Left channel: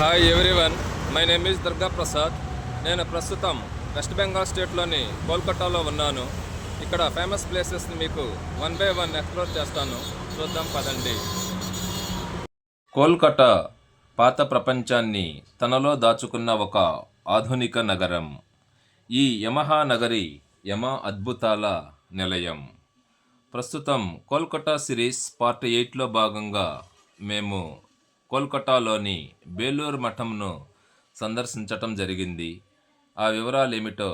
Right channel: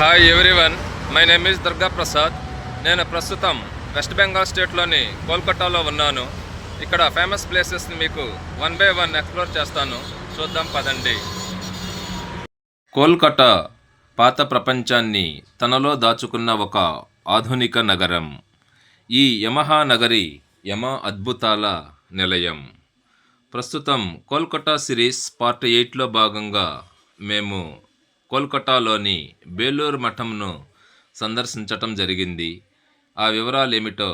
Hi everyone, my name is Durga Prasad. నేను ప్రస్తుతం west Bengal స్టేట్లోని కోల్కతాలో ఉన్నాను. ఇక్కడ ఫేమస్ ప్లేసెస్ని మీకు వన్ బై వన్ ఎక్స్ప్లోర్ చేస్తాను. చూద్దాం పదండి. కోల్కతా పాత ప్రపంచాన్ని తనలో దాచుకున్న ఒక ఆధునిక నగరం. ఈ యమహానగరి యమ అద్భుతాల నిలయం. ప్రస్తుతం కోల్కతా సిరీస్ పార్ట్ 8లో భాగంగా మేము కోల్కతాలోని బేలూరు మఠంను సందర్శించటం జరిగింది. ఆ వివరాలు ఏమిటో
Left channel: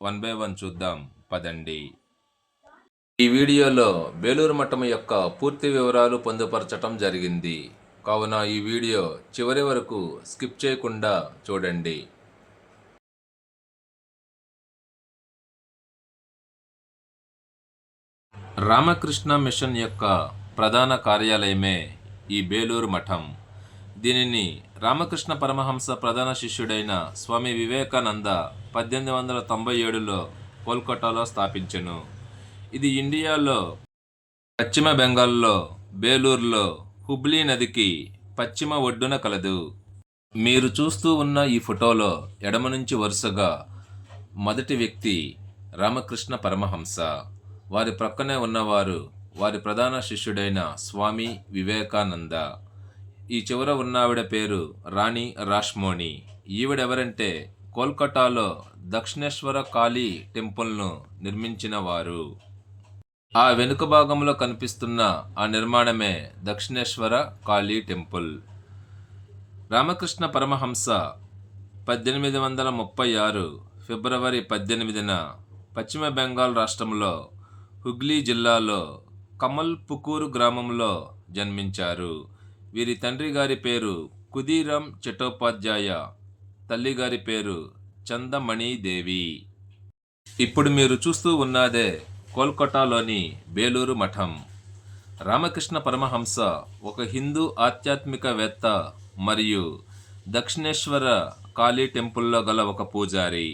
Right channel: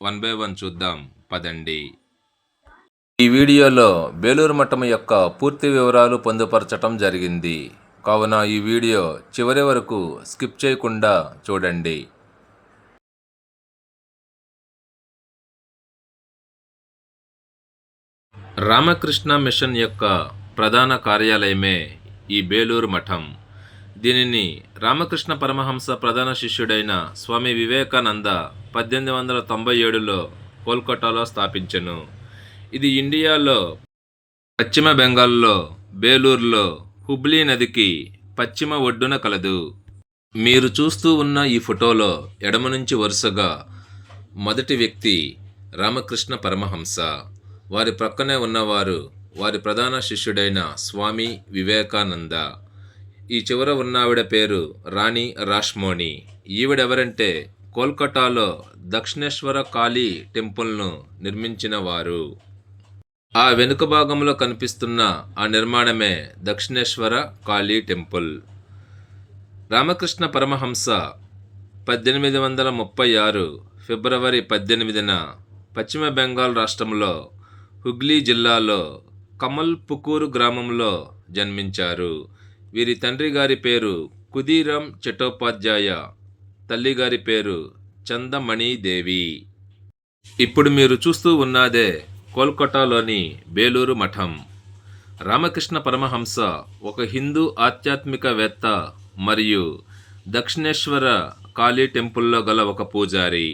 వన్ బై వన్ చూద్దాం పదండి. ఈ వీడియోలో బేలూరు మఠం యొక్క పూర్తి వివరాలు పొందుపరచటం జరిగింది, కావున ఈ వీడియో చివరి వరకు స్కిప్ చేయకుండా చూడండి. రామకృష్ణ మిషన్ యొక్క ప్రధాన కార్యాలయమే ఈ బేలూరు మఠం. దీనిని రామకృష్ణ పరమహంస ప్రధాన శిష్యుడైన స్వామి వివేకానంద 1897లో కోల్కతాలో స్థాపించెను. ఇది ఇండియాలో పశ్చిమ బెంగాల్లో బేలూరులో హుబ్లీ నదికి పశ్చిమ ఒడ్డున కలదు. మీరు చూస్తూ ఉన్న ఈ ఫోటోలో ఎడమ నుంచి వరుసగా మొదటి వ్యక్తి రామకృష్ణ పరమహంస. వారి ప్రక్కనే ఉన్నవారు వారి ప్రధాన శిష్యుడైన స్వామి వివేకానంద. ఈ చివర ఉన్నావిడ పేరు రాణి రాష్మోణి. ఈవిడెవరంటే కోల్కతాలో దక్షిణేశ్వర కాళీ టెంపుల్ను నిర్మించిన వారు. ఆ వెనుక భాగంలో కనిపిస్తున్న ఆ నిర్మాణమే దక్షిణేశ్వర కాళీ టెంపుల్. రామకృష్ణ పరమహంస 1836 ఫిబ్రవరి 18న పశ్చిమ బెంగాల్ రాష్ట్రంలో హుగ్లీ జిల్లాలో కమల్పుకూరు గ్రామంలో జన్మించారు. వీరి తండ్రి గారి పేరు కుదీరం చట్టోపాధ్యాయ, తల్లిగారి పేరు చందమణీదేవి. ఇప్పుడు మీరు చూస్తూ ఉన్నదే కోల్కతాలోని బేలూరు మఠం. రామకృష్ణ పరమహంస ఒక హిందూ ఆధ్యాత్మికవేత్త మరియు దక్షిణేశ్వర కాళీ టెంపుల్లో గల ఒక పూజారి.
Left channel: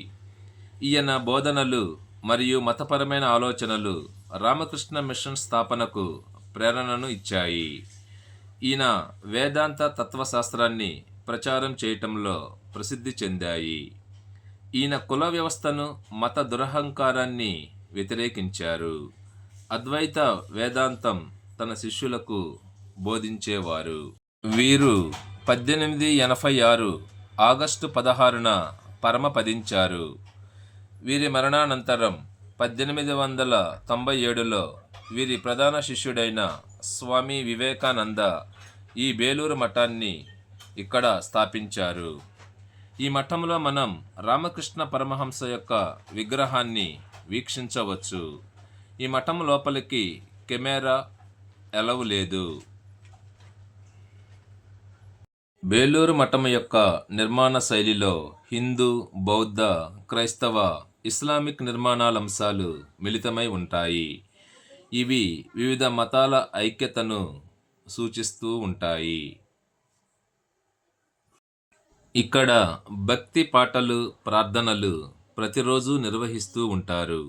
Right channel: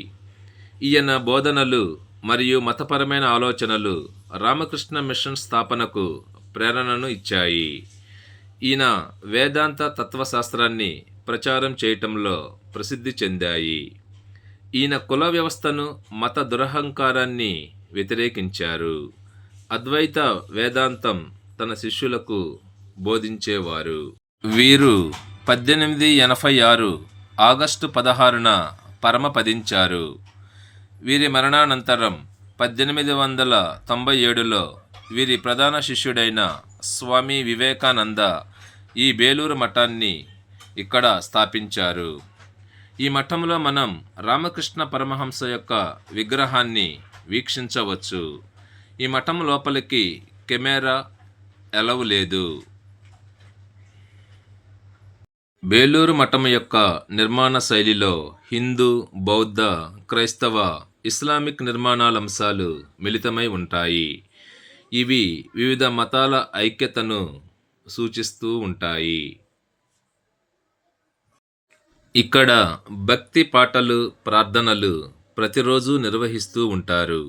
ఈయన బోధనలు మరియు మతపరమైన ఆలోచనలు రామకృష్ణ మిషన్ స్థాపనకు ప్రేరణను ఇచ్చాయి. ఈయన వేదాంత తత్వశాస్త్రాన్ని ప్రచారం చేయటంలో ప్రసిద్ధి చెందాయి. ఈయన కుల వ్యవస్థను, మత దురహంకారాన్ని వ్యతిరేకించారు. అద్వైత వేదాంతం తన శిష్యులకు బోధించేవారు. వీరు 1886 ఆగస్టు 16న పరమపదించారు. వీరి మరణానంతరం 1897లో వీరి ప్రధాన శిష్యుడైన స్వామి వివేకానంద ఈ బేలూరు మఠాన్ని ఇక్కడ స్థాపించారు. ఈ మఠంలో మనం రామకృష్ణ పరమహంస యొక్క విగ్రహాన్ని వీక్షించవచ్చు. ఈ మఠం లోపలికి కెమెరా ఎలవ్ లేదు. బేలూరు మఠం యొక్క నిర్మాణ శైలిలో హిందూ, బౌద్ధ, క్రైస్తవ, ఇస్లామిక్ నిర్మాణాలంశాలు మిళితమై ఉంటాయి. ఇవి వివిధ మతాల ఐక్యతను సూచిస్తూ ఉంటాయి. ఇక్కడ భక్తి పాటలు, ప్రార్థనలు ప్రతిరోజు నిర్వహిస్తూ ఉంటారు.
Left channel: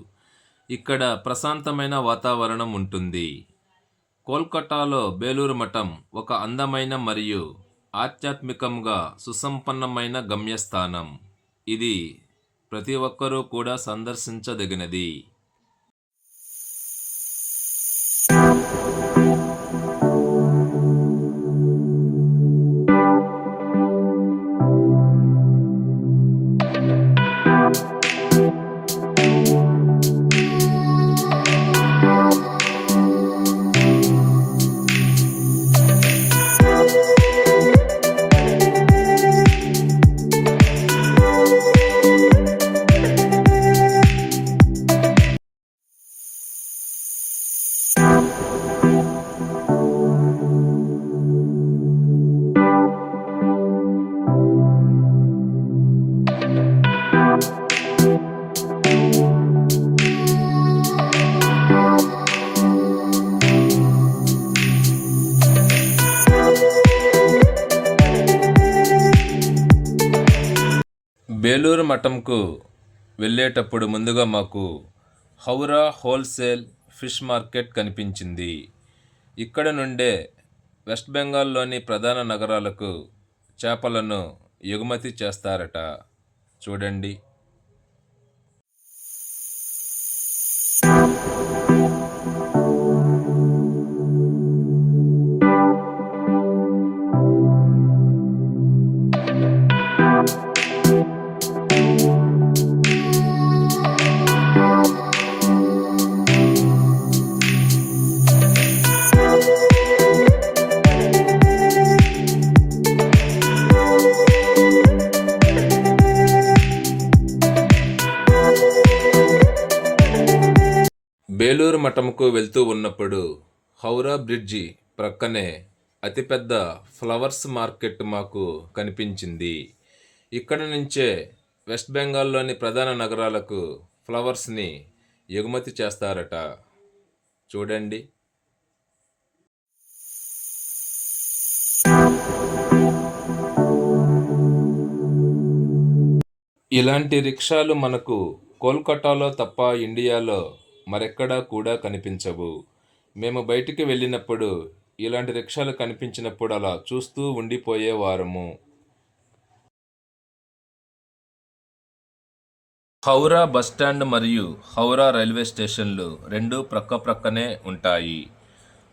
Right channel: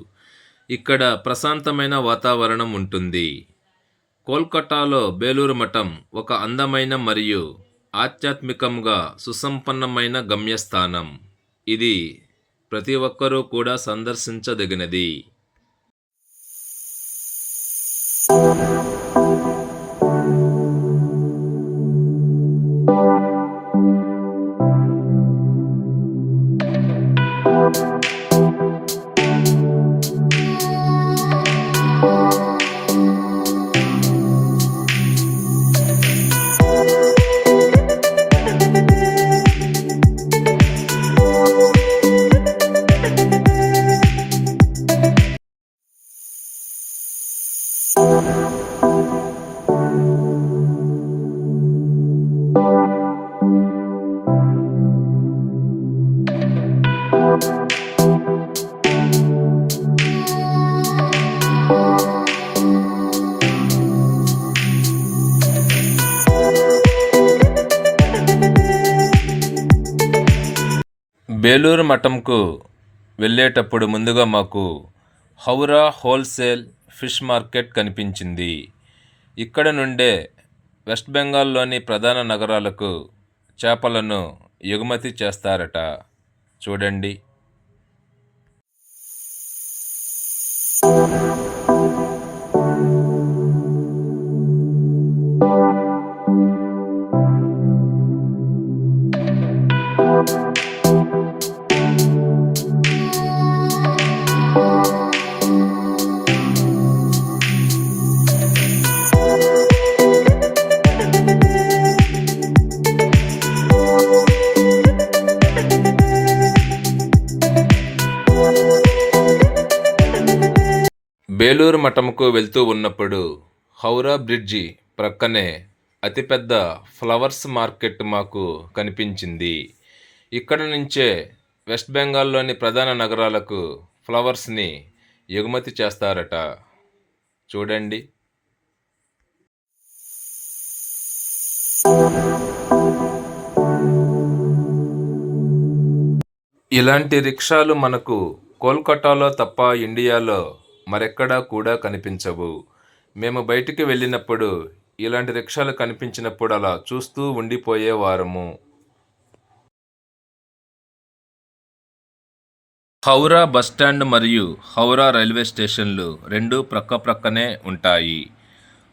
ఇక్కడ ప్రశాంతమైన వాతావరణం ఉంటుంది. కోల్కతాలో బేలూరు మఠం ఒక అందమైన మరియు ఆధ్యాత్మికంగా సుసంపన్నమైన గమ్యస్థానం. ఇది ప్రతి ఒక్కరూ కూడా సందర్శించదగినది. బేలూరు మఠంకు వెళ్ళేటప్పుడు ముందుగా మాకు హౌరా హోల్సేల్ ఫిష్ మార్కెట్ కనిపించింది. ఇక్కడ నుండే వెస్ట్ బెంగాల్లోని ప్రధాన నగరాలకు చేపలను ఎగుమతి చేస్తారట. చూడండి. బేలూరు మఠంకు వెళ్తూ ఉన్నప్పుడు హౌరా బ్రిడ్జి ప్రక్కనే అతిపెద్ద ఫ్లవర్స్ మార్కెట్ మాకు కనిపించింది. ఇక్కడ నుంచే వెస్ట్ బెంగాల్లోని ప్రధాన నగరాలకు ఫ్లవర్స్ని ఎగుమతి చేస్తారట. చూడండి. ఇలాంటి రిక్షాలు మనకు కోల్కతాలో తప్ప ఇండియాలో మరెక్కడా కూడా కనిపించవు. మేము బయటికి వెళ్ళినప్పుడు ఇలాంటి రిక్షాలు కనిపించినప్పుడు అలా చూస్తూ ఉండిపోయేవారము. హౌరా బస్టాండ్ మరియు హౌరా రైల్వే స్టేషన్లు రెండూ ప్రక్కనే ఉంటాయి.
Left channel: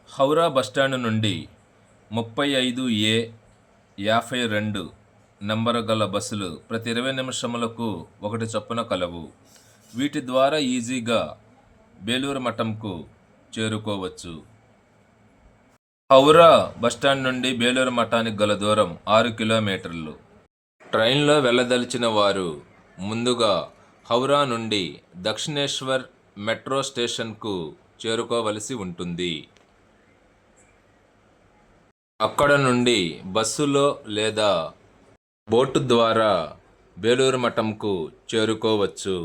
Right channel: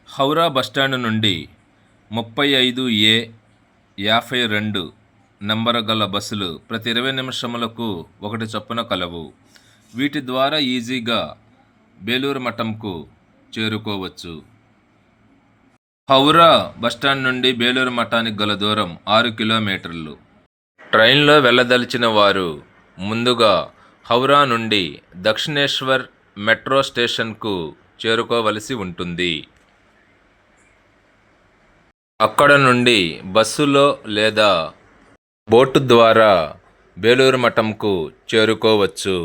హౌరా బస్టాండ్ నుండి 35A 52 నంబరు గల బస్సులు ప్రతి 20 నిమిషములకు ఒకటి చొప్పున కలవు. వీటి ద్వారా ఈజీగా బేలూరు మఠంకు చేరుకోవచ్చు. హౌరా బస్టాండ్ నుండి బేలూరు మఠానికి గల దూరం 6 కిలోమీటర్లు. ట్రైన్లో వెళ్ళదలిచిన వారు ముందుగా హౌరా నుండి దక్షిణేశ్వర్ మెట్రో స్టేషన్కు చేరుకోవలసి ఉంటుంది. అక్కడ నుండి బస్సులో లేదా బోటు ద్వారా బేలూరు మఠంకు చేరుకోవచ్చు.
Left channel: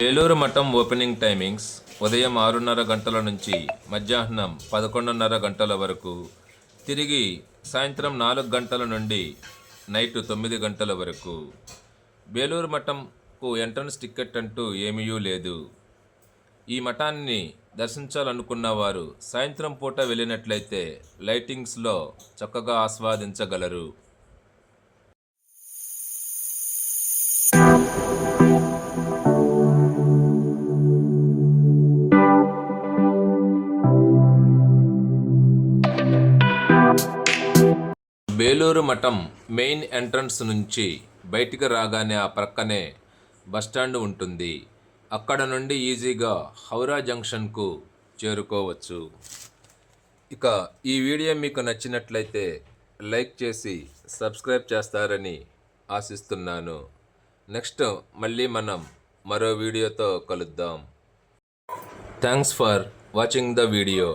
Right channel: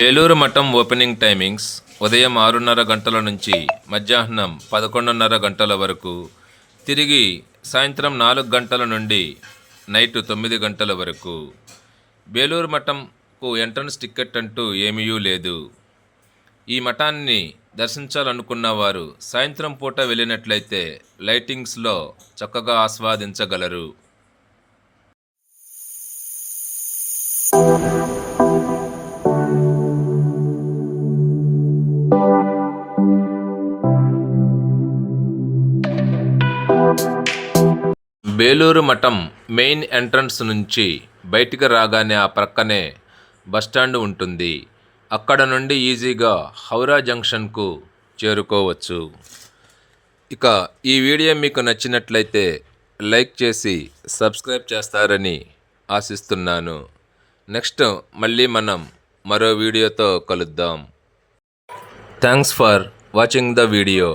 బేలూరు మఠం ఓపెనింగ్ టైమింగ్స్ ఉదయం 6:30 గంటల నుంచి మధ్యాహ్నం 11:30 గంటల వరకు, తిరిగి సాయంత్రం 4 గంటల నుండి నైట్ 9 గంటల వరకు. బేలూరు మఠంకు ఎంట్రన్స్ టికెట్ అంటూ ఏమీ లేదు. ఈ మఠాన్ని దర్శించాలనుకున్న వారు సాయంత్రం పూట వెళ్ళినట్లయితే లైటింగ్స్లో చక్కగా ఆస్వాదించగలరు. బేలూరు మఠం మెయిన్ ఎంట్రన్స్ నుంచి బయటికి రాగానే ఆ ప్రక్కనే బస్టాండ్ ఉంటుంది. అక్కడ నుండి ఈజీగా హౌరా జంక్షన్కు చేరుకోవచ్చు. ఇక ఈ వీడియో మీకు నచ్చినట్లయితే లైక్ చేసి సబ్స్క్రైబ్ చేస్తారని ఆశిస్తున్నాను. నెక్స్ట్ మళ్ళీ మనం మరో వీడియోతో కలుద్దాం. Thanks for watching the video.